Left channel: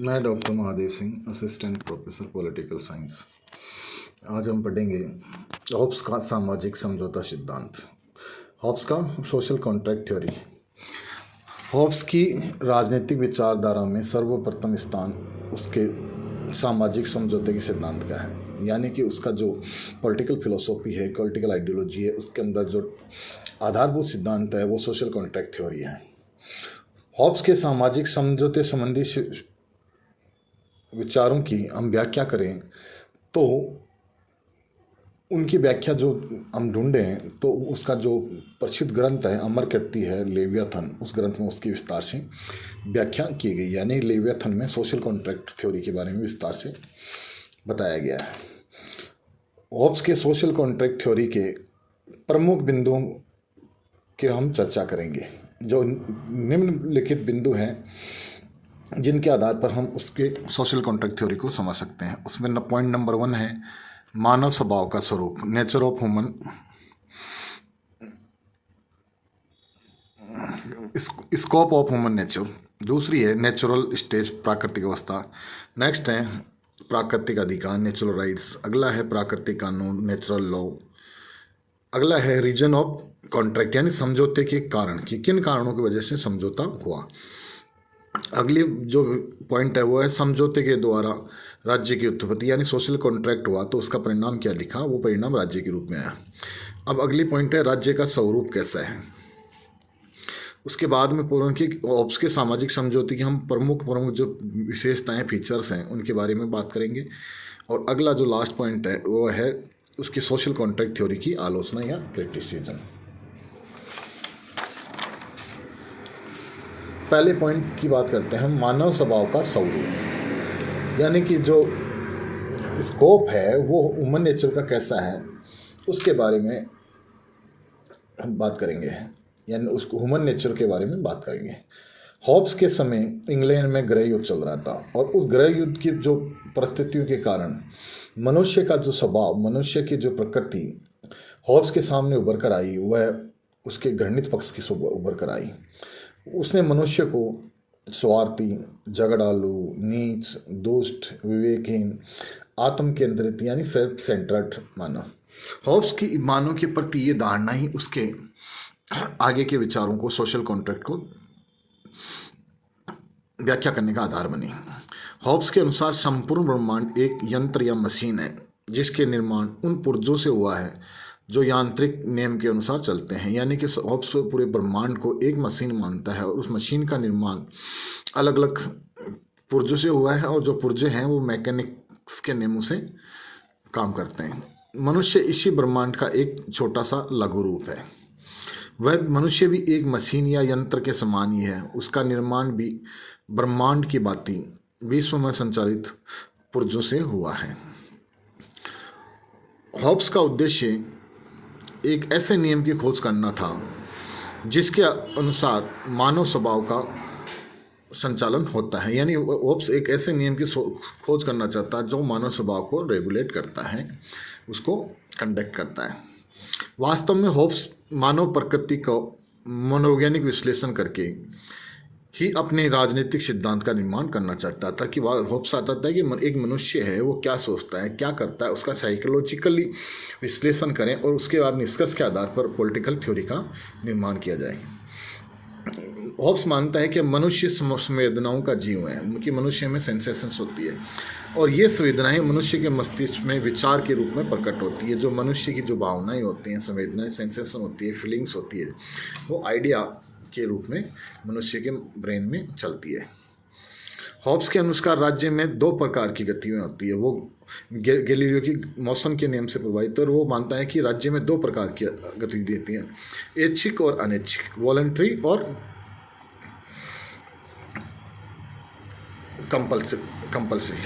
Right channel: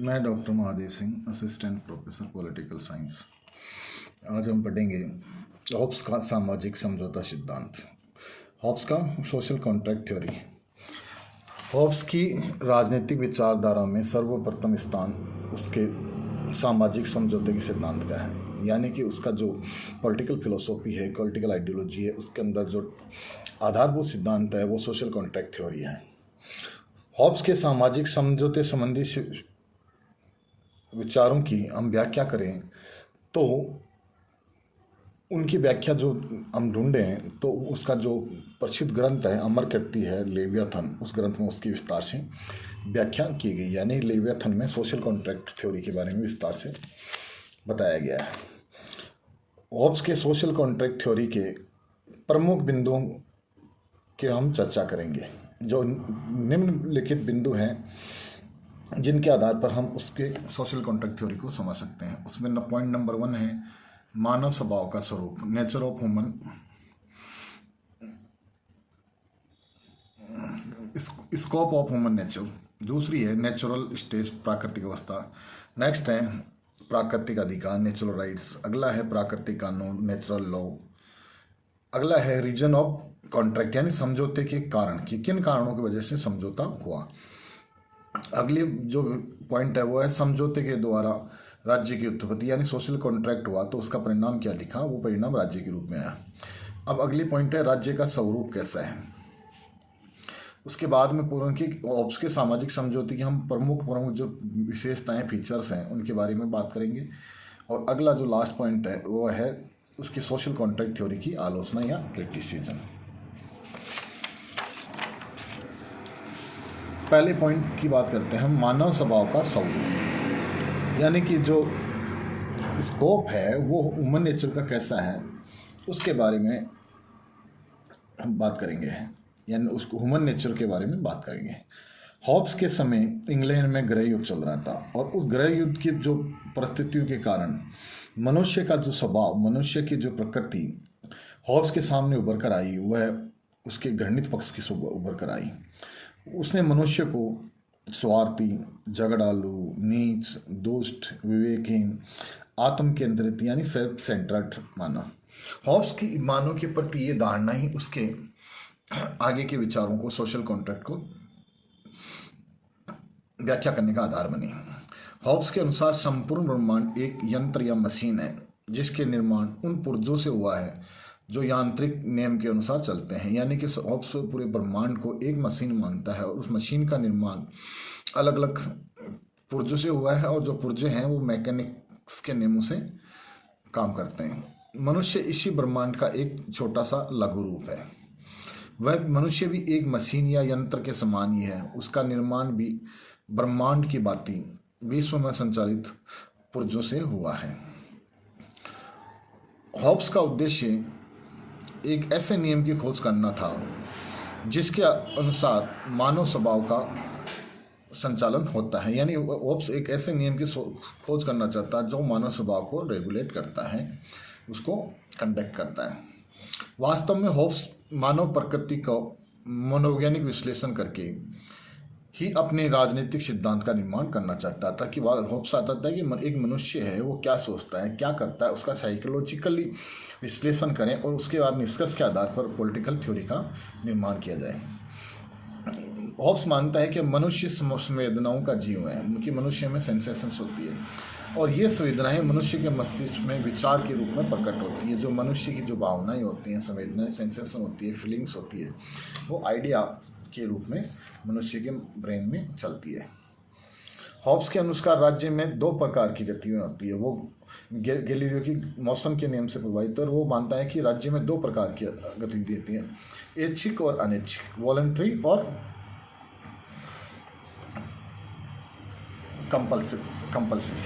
मैं doctor Mahadev Singh, assistant professor political science. आज हम पढ़ेंगे हॉब्स का सामाजिक समझौता सिद्धांत। हॉब्स का सोशल कॉन्ट्रैक्ट थ्योरी। हॉब्स की राजनीतिक विचारधारा में सर्वप्रथम स्थान उसके सामाजिक समझौते के सिद्धांत का है, यानी कि उसका जो पॉलिटिकल फिलोसॉफी है, पॉलिटिकल आइडियोलॉजी है, उसके अंदर जो आधारभूत सिद्धांत है वो सोशल कॉन्ट्रैक्ट थ्योरी है। हॉब्स के सामाजिक समझौते संबंधी विचारों की हम व्याख्या करें तो उनकी व्याख्या जो हम ढूंढें तो उसका जो प्रसिद्ध ग्रंथ है अमर कीर्ति है लेवियाथन, उस ग्रंथ में उसकी विस्तार से व्याख्या की गई, यानी लेवियाथन में सोशल कॉन्ट्रैक्ट थ्योरी के बारे में विस्तार से बताया गया है। हॉब्स के सोशल कॉन्ट्रैक्ट थ्योरी के प्रमुख बिंदुओं के हम चर्चा करेंगे। जो निम्नलिखित बिंदु हैं जिनके आधार पर हम उसके सोशल कॉन्ट्रैक्ट थ्योरी को समझ सकते हैं। उसमें पॉइंट नंबर 1 है मानव स्वभाव का स्वरूप, nature of human, scope of human nature. दूसरी है नेचुरल स्टेज, प्राकृतिक अवस्था। नेक्स्ट है प्राकृतिक अधिकार, नेचुरल राइट्स। अगला है प्राकृतिक कानून, नेचुरल लॉ। अगला है रीजन ऑफ कॉन्ट्रैक्ट, यानी समझौते के कारण कि किन कारणों की वजह से समझौता हुआ। अगली जो पॉइंट है वो है समझौते के द्वारा राज्य की उत्पत्ति, यानी सोशल कॉन्ट्रैक्ट हुआ तो उसका परिणाम क्या लिखा, वो परिणाम राज्य के रूप में आया। अब अगली पॉइंट है राज्य का स्वरूप कैसा है। उसके बाद में पूर्ण की हॉब्स के सामाजिक समझौते की हम प्रमुख जो विशेषताएं, फीचर्स हैं, उनके बारे में बात करेंगे। और अगला जो लास्ट पॉइंट है वो है उसकी सोशल कॉन्ट्रैक्ट थ्योरी की आलोचना या क्रिटिसिज्म। पहले पॉइंट की बात करते हैं, मानव स्वभाव का स्वरूप, यानी कि जो स्कोप है वो ह्यूमन नेचर का कैसा है उसके बारे में हम बात करेंगे, यानी उसको ह्यूमन नेचर के बारे में बात करेंगे। हॉब्स के समय इंग्लैंड में गृह युद्ध चल रहा था और उस गृह युद्ध की जो परिस्थितियों के कारण मनुष्य का जो स्वभाव, मनुष्य की जो प्रकृति हॉब्स के सामने उभर कर आई, वह उसके घृणित पक्ष की उभर कर आई। उसने मनुष्य को स्वार्थी, झगड़ालू, नीच, दुष्ट, विवेकहीन, आत्म केंद्रित यानी सेल्फ सेंटर्ड माना। हॉब्स की मानव के प्रति ये धारणा ही उसके आगे के विचारों को, सोशल कॉन्ट्रैक्ट को व्याख्या करने का आधार बनी। हॉब्स के अनुसार संपूर्ण ब्रह्मांड एक यंत्र या मशीन है जिसके निर्माण उन पुर्जों से हुआ है जो यांत्रिक नियम के अनुसार चलते हैं, यानी कि हॉब्स पूरे ब्रह्मांड को एक मशीन मानता है और उस मशीन का निर्माण अलग अलग पुर्जों से हुआ है और जो पुर्जे हैं वो मैकेनिक्स के नियमों से काम करते हैं। मनुष्य इसी ब्रह्मांड का एक छोटा सा लघु रूप है। वह मनुष्य भी एक मशीन या यंत्र के समान ही है। उसका निर्माण भी ब्रह्मांड की भांति विश्व में संचालित पुर्जों से हुआ है। हॉब्स का उद्देश्य एक ऐसे नियम की खोज करना था जिसके अनुसार मानव स्वभाव का संचालन होता है, यानी हॉब्स एक ऐसे नियम की खोज करना चाहता है जो मानव स्वभाव को रेगुलेट करता है, उसको कंडक्ट करता है। वास्तव में हॉब्स मानव प्रकृति को मनोवैज्ञानिक विश्लेषण करके ही अपने राजनीतिक सिद्धांत का निर्माण करना चाहता था। कि हॉब्स आता था कि एक मनुष्य है वो क्या सोचता है, क्या करता है, उसका साइकोलॉजिकली विश्लेषण करें और उसके बाद निष्कर्ष के आधार पर पॉलिटिकल थ्योरी का निर्माण किया जाए। हॉब्स मानता है कि मनुष्य संवेदनाओं का जीव है, कि मनुष्य में सेंसेशंस होती है और ये संवेदनाएं मनुष्य के मस्तिष्क में विचार के रूप में प्रकट होती है। जो मनुष्य की जो भावनाएं होती हैं, संवेदनाएं, सेंसेशन होती है, फीलिंग्स होती है, वो आइडिया के रूप में मनुष्य के ब्रेन में चलती है। हॉब्स के अनुसार राज्य में 2 प्रकार की गतिविधियाँ होती है। वो गैलीलियो की मौसम के नियम से प्रभावित है और वो मानता है कि राज्य में 2 प्रकार की गतिविधि होती हैं, ऐच्छिक और अनैच्छिक, वॉलंटरी और कंपल्सिव।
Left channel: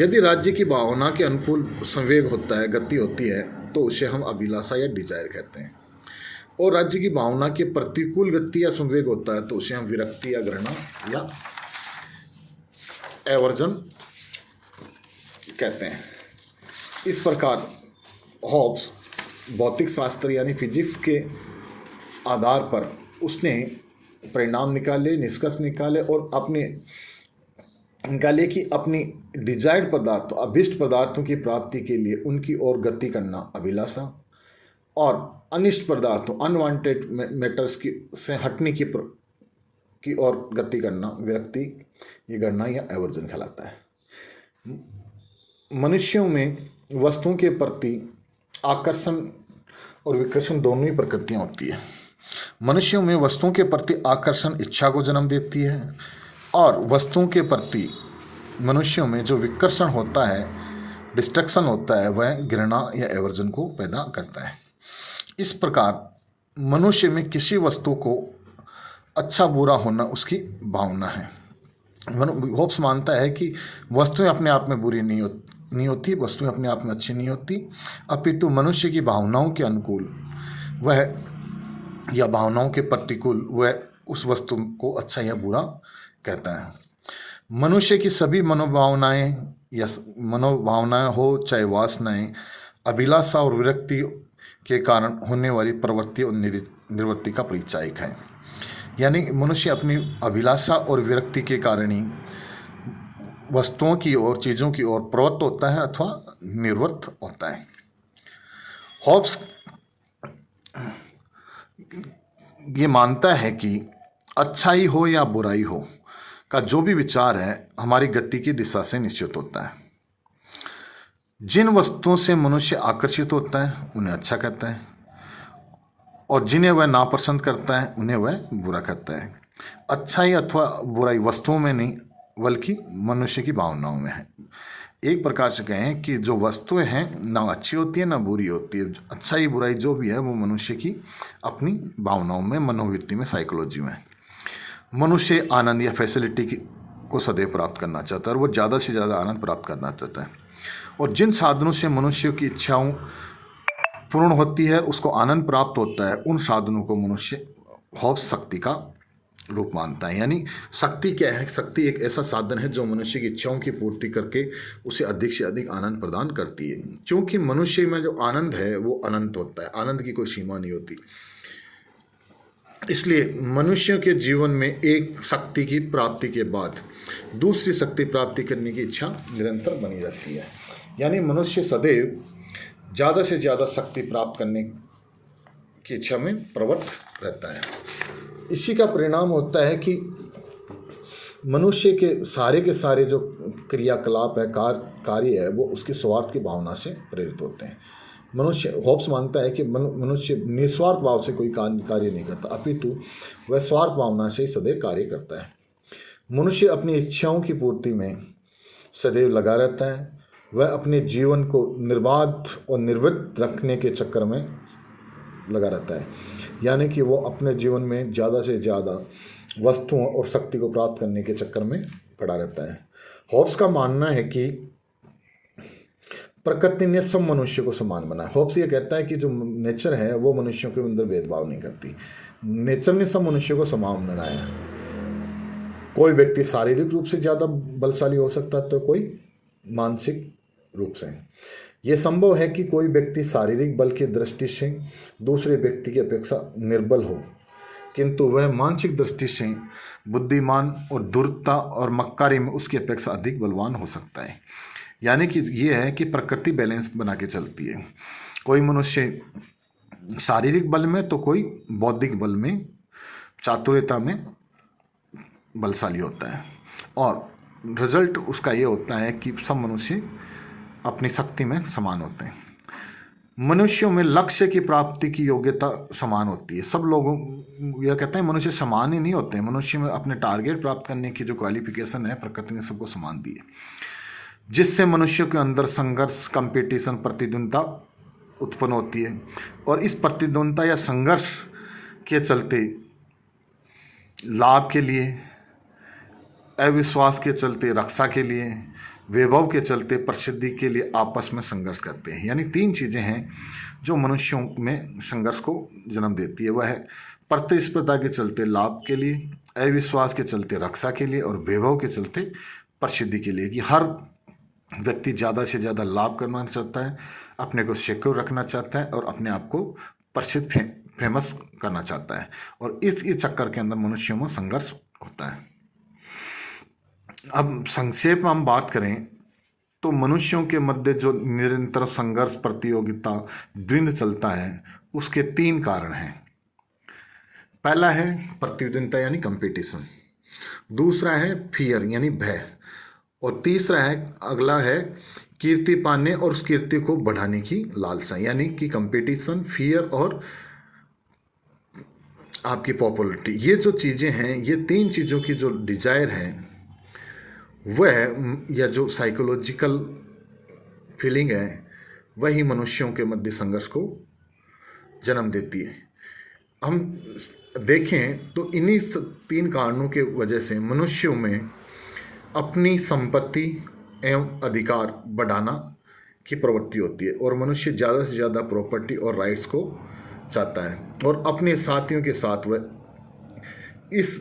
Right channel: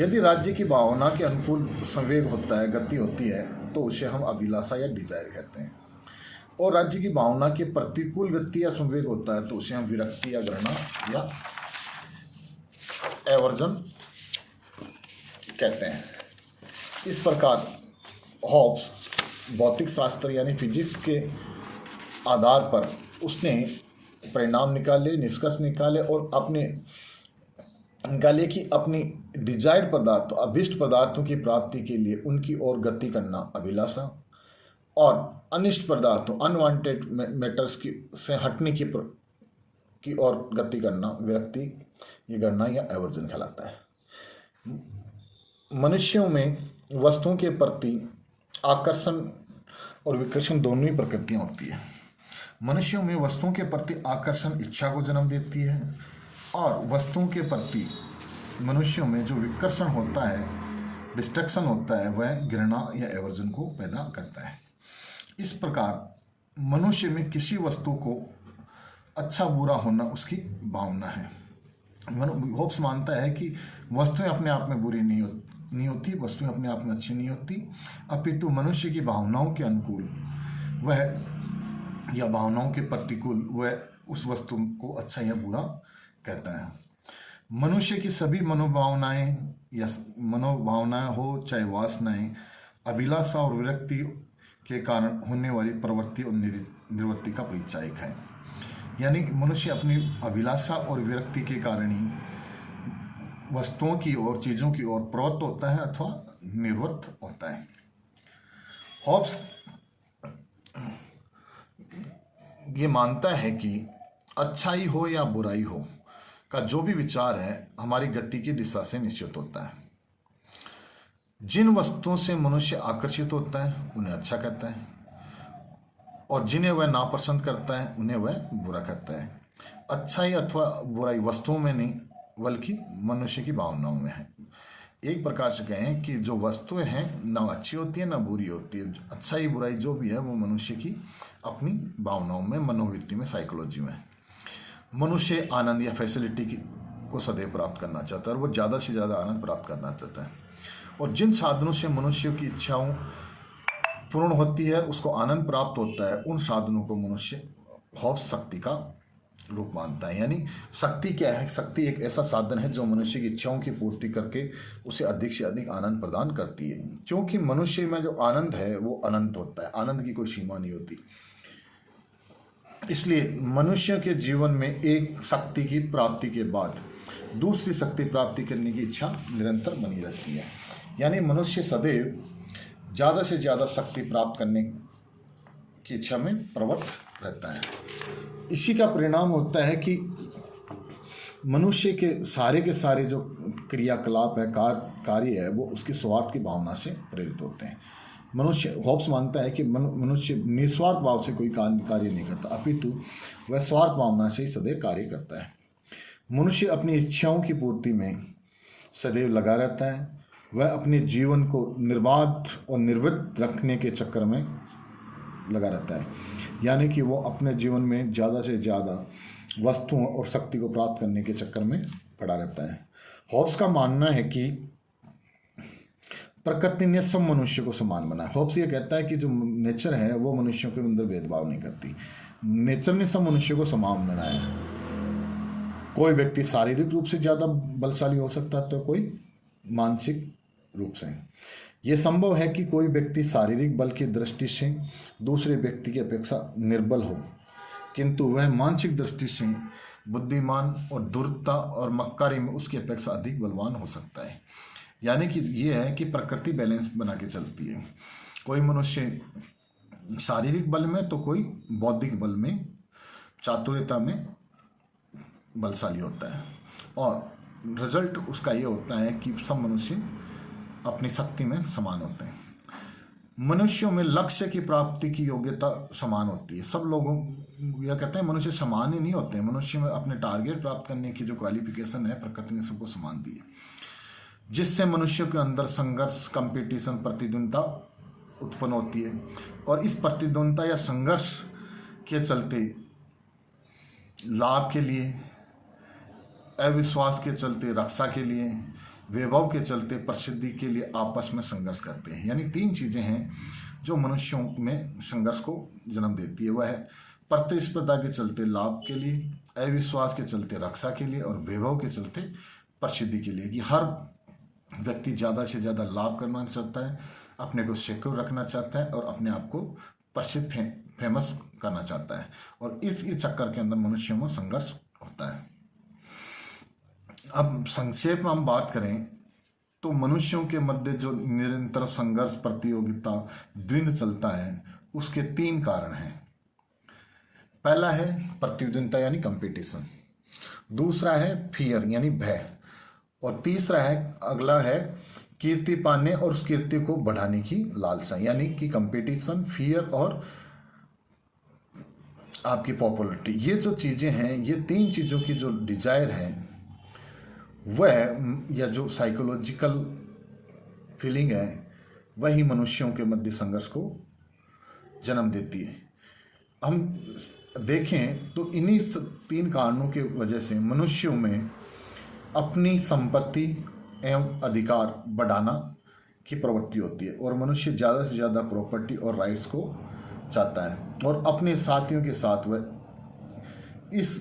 यदि राज्य की भावना के अनुकूल संवेग होता है, गति होती है, तो उसे हम अभिलाषा या डिजायर कहते हैं। और राज्य की भावना के प्रतिकूल गति या संवेग होता है तो उसे हम विरक्ति या घृणा या एवर्जन कहते हैं। इस प्रकार हॉब्स भौतिक शास्त्र यानी फिजिक्स के आधार पर उसने परिणाम निकाले, निष्कर्ष निकाले और अपने निकालिए कि अपनी डिजायर्ड पदार्थों, अभिष्ट पदार्थों की प्राप्ति के लिए उनकी ओर गति करना अभिलाषा, और अनिष्ट पदार्थों, अनवांटेड मैटर्स की से हटने की ओर गति करना विरक्ति, ये गणना या एवर्जन कहलाता है। मनुष्यों में वस्तुओं के प्रति आकर्षण और विकर्षण दोनों ही प्रकृतियाँ होती है। मनुष्यों में वस्तुओं के प्रति आकर्षण इच्छा को जन्म देती है, और वस्तुओं के प्रति मनुष्यों में जो विकर्षण होता है, डिस्ट्रक्शन होता है, वह घृणा या एवर्जन को पैदा करता है। इस प्रकार मनुष्य में किसी वस्तु को अच्छा बुरा होना उसकी भावना है। होब्स मानता है कि वस्तुएं अपने आप में बुरी नहीं होती, वस्तुएं अपने आप में अच्छी नहीं होती, अपितु मनुष्य की भावनाओं के अनुकूल वह या भावनाओं के प्रतिकूल वह उस वस्तु को अच्छा या बुरा कहता है। मनुष्य की सभी मनोभावनाएं हो, चाहे वासनाएं, अभिलाषा और विरक्ति के कारण होने वाली प्रवृत्ति और निवृत्ति का परिचायक है। यानी मनुष्य अपनी अभिलाषा और विरक्ति के कारण ही वस्तुओं की ओर, चीज़ों की ओर प्रवृत्त होता है अथवा निर्वृत्त होता है। हॉब्स ये मानता है कि अच्छाई हो या बुराई हो का जो भी विचार है हमारी गति की दिशा से निश्चित होता है। जिन वस्तुओं से मनुष्य आकर्षित होता है उन्हें अच्छा कहता है, और जिन्हें वह नापसंद करता है उन्हें वह बुरा कहता है। अच्छाई अथवा बुराई वस्तुओं में नहीं बल्कि मनुष्य की भावनाओं में है। एक प्रकार से कहें कि जो वस्तुएं हैं ना अच्छी होती है ना बुरी होती है, अच्छाई बुराई जो भी है वो मनुष्य की अपनी भावनाओं में, मनोवृत्ति में, साइकोलॉजी में है। मनुष्य आनंद या फैसिलिटी को सदैव प्राप्त करना चाहता है और वो ज़्यादा से ज़्यादा आनंद प्राप्त करना चाहता है, और जिन साधनों से मनुष्य की इच्छाओं पूर्ण होती है, उसको आनंद प्राप्त होता है, उन साधनों को मनुष्य हॉब्स शक्ति का रूप मानता है। यानी शक्ति क्या है? शक्ति एक ऐसा साधन है जो मनुष्य की इच्छाओं की पूर्ति करके उसे अधिक से अधिक आनंद प्रदान करती है, क्योंकि मनुष्य में जो आनंद है वो अनंत होता है, आनंद की कोई सीमा नहीं होती। इसलिए मनुष्य के जीवन में एक शक्ति की प्राप्ति के बाद दूसरी शक्ति प्राप्ति करने की इच्छा निरंतर बनी रहती है। यानी मनुष्य सदैव ज़्यादा से ज़्यादा शक्ति प्राप्त करने की इच्छा में प्रवृत्त रहता है। इसी का परिणाम होता है कि मनुष्य के सारे जो क्रियाकलाप है, कार्य है, वो उसके स्वार्थ की भावना से प्रेरित होते हैं। मनुष्य, हॉब्स मानता है कि मनुष्य निस्वार्थ भाव से कोई कार्य नहीं करता, अपितु वह स्वार्थ भावना से ही सदैव कार्य करता है। मनुष्य अपनी इच्छाओं की पूर्ति में सदैव लगा रहता है। वह अपने जीवन को निर्बाध और निर्वृत्त रखने के चक्कर में लगा रहता है, यानी कि वो अपने जीवन में ज़्यादा से ज़्यादा वस्तुओं और शक्ति को प्राप्त करने के चक्कर में पड़ा रहता है। हॉब्स का मानना है कि प्रकृति ने सब मनुष्य को समान बनाया। हॉब्स ये कहता है कि जो नेचर है वो मनुष्यों के अंदर भेदभाव नहीं करती। नेचर ने सब मनुष्य को समान बनाया। कोई व्यक्ति शारीरिक रूप से ज़्यादा बलशाली हो सकता है तो कोई मानसिक रूप से। यह संभव है कि कोई व्यक्ति शारीरिक बल की दृष्टि से दूसरे व्यक्ति की अपेक्षा निर्बल हो, किंतु वह मानसिक दृष्टि से बुद्धिमान और धूर्तता और मक्कारी में उसकी अपेक्षा अधिक बलवान हो सकता है। यानी कि ये है कि प्रकृति बैलेंस बना के चलती है। कोई मनुष्य शारीरिक बल में तो कोई बौद्धिक बल में, चातुर्यता में बलशाली होता है, और रिजल्ट उसका ये होता है कि सब मनुष्य अपनी शक्ति में समान होते हैं। मनुष्यों में लक्ष्य की प्राप्ति की योग्यता समान होती है। सब लोगों, यह कहते हैं मनुष्य समान ही नहीं होते हैं। मनुष्य में अपने टारगेट प्राप्त करने की जो क्वालिफिकेशन है प्रकृति ने सबको समान दी है, जिससे मनुष्यों के अंदर संघर्ष, कंपटीशन, प्रतिद्वंद्विता उत्पन्न होती है, और इस प्रतिद्वंद्विता या संघर्ष के चलते लाभ के लिए, अविश्वास के चलते रक्षा के लिए, वैभव के चलते प्रसिद्धि के लिए आपस में संघर्ष करते हैं। यानी तीन चीज़ें हैं जो मनुष्यों में संघर्ष को जन्म देती है। वह है प्रतिस्पर्धा के चलते लाभ के लिए, अविश्वास के चलते रक्षा के लिए, और वैभव के चलते प्रसिद्धि के लिए। कि हर व्यक्ति ज़्यादा से ज़्यादा लाभ करना चाहता है, अपने को सिक्योर रखना चाहता है, और अपने आप को प्रसिद्ध फेमस करना चाहता है, और इस चक्कर के अंदर मनुष्यों में संघर्ष होता है। अब संक्षेप में हम बात करें तो मनुष्यों के मध्य जो निरंतर संघर्ष, प्रतियोगिता, द्वंद्व चलता है, उसके 3 कारण हैं। पहला है प्रतिद्वंद्विता यानी कंपटीशन, दूसरा है फियर यानी भय, और तीसरा है अगला है कीर्ति पाने और उस कीर्ति को बढ़ाने की लालसा, यानी कि कंपटीशन, फियर और आपकी पॉपुलरिटी। ये जो चीज़ें हैं, ये 3 चीज़ों की जो डिजायर है वह, या जो साइकोलॉजिकल फीलिंग है, वही मनुष्यों के मध्य संघर्ष को जन्म देती है। हम देखें तो इन्हीं 3 कारणों के वजह से मनुष्यों में अपनी संपत्ति एवं अधिकार बढ़ाना की प्रवृत्ति होती है, और मनुष्य ज़्यादा से ज़्यादा प्रॉपर्टी और राइट्स को चाहता है, और अपने साथियों के साथ वह इस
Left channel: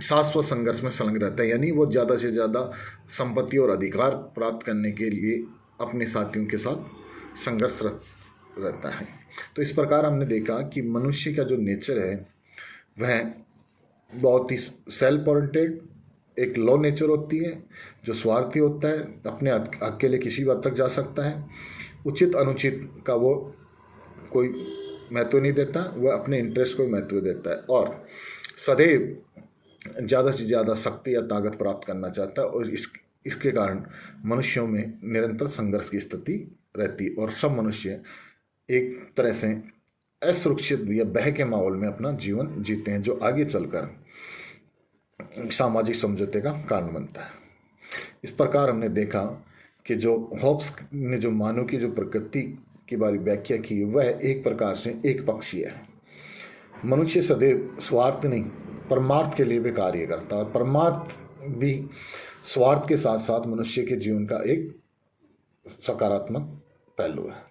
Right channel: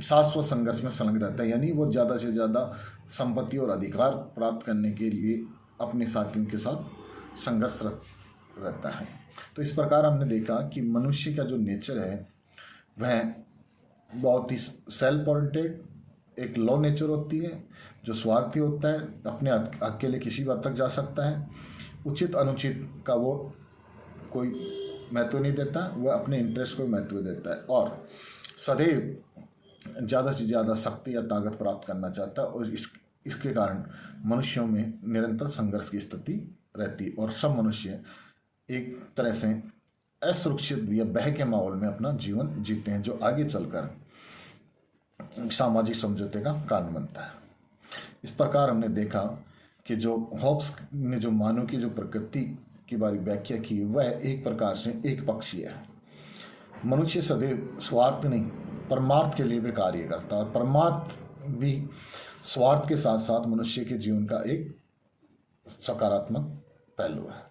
शाश्वत संघर्ष में संलग्न रहता है, यानी वो ज़्यादा से ज़्यादा संपत्ति और अधिकार प्राप्त करने के लिए अपने साथियों के साथ संघर्ष रहता है। तो इस प्रकार हमने देखा कि मनुष्य का जो नेचर है वह बहुत ही सेल्फ ओरिएंटेड, एक लो नेचर होती है, जो स्वार्थी होता है, अपने हक के लिए किसी भी हद तक जा सकता है, उचित अनुचित का वो कोई महत्व नहीं देता, वह अपने इंटरेस्ट को महत्व देता है, और सदैव ज़्यादा से ज़्यादा शक्ति या ताकत प्राप्त करना चाहता है, और इसके कारण मनुष्यों में निरंतर संघर्ष की स्थिति रहती है, और सब मनुष्य एक तरह से असुरक्षित या भय के माहौल में अपना जीवन जीते हैं, जो आगे चलकर सामाजिक समझौते का कारण बनता है। इस प्रकार हमने देखा कि जो हॉब्स ने जो मानव की जो प्रकृति की बारे व्याख्या की, वह एक प्रकार से एक पक्षीय है। मनुष्य सदैव स्वार्थ नहीं, परमार्थ के लिए भी कार्य करता है, और परमार्थ भी स्वार्थ के साथ साथ मनुष्य के जीवन का एक सकारात्मक पहलू है।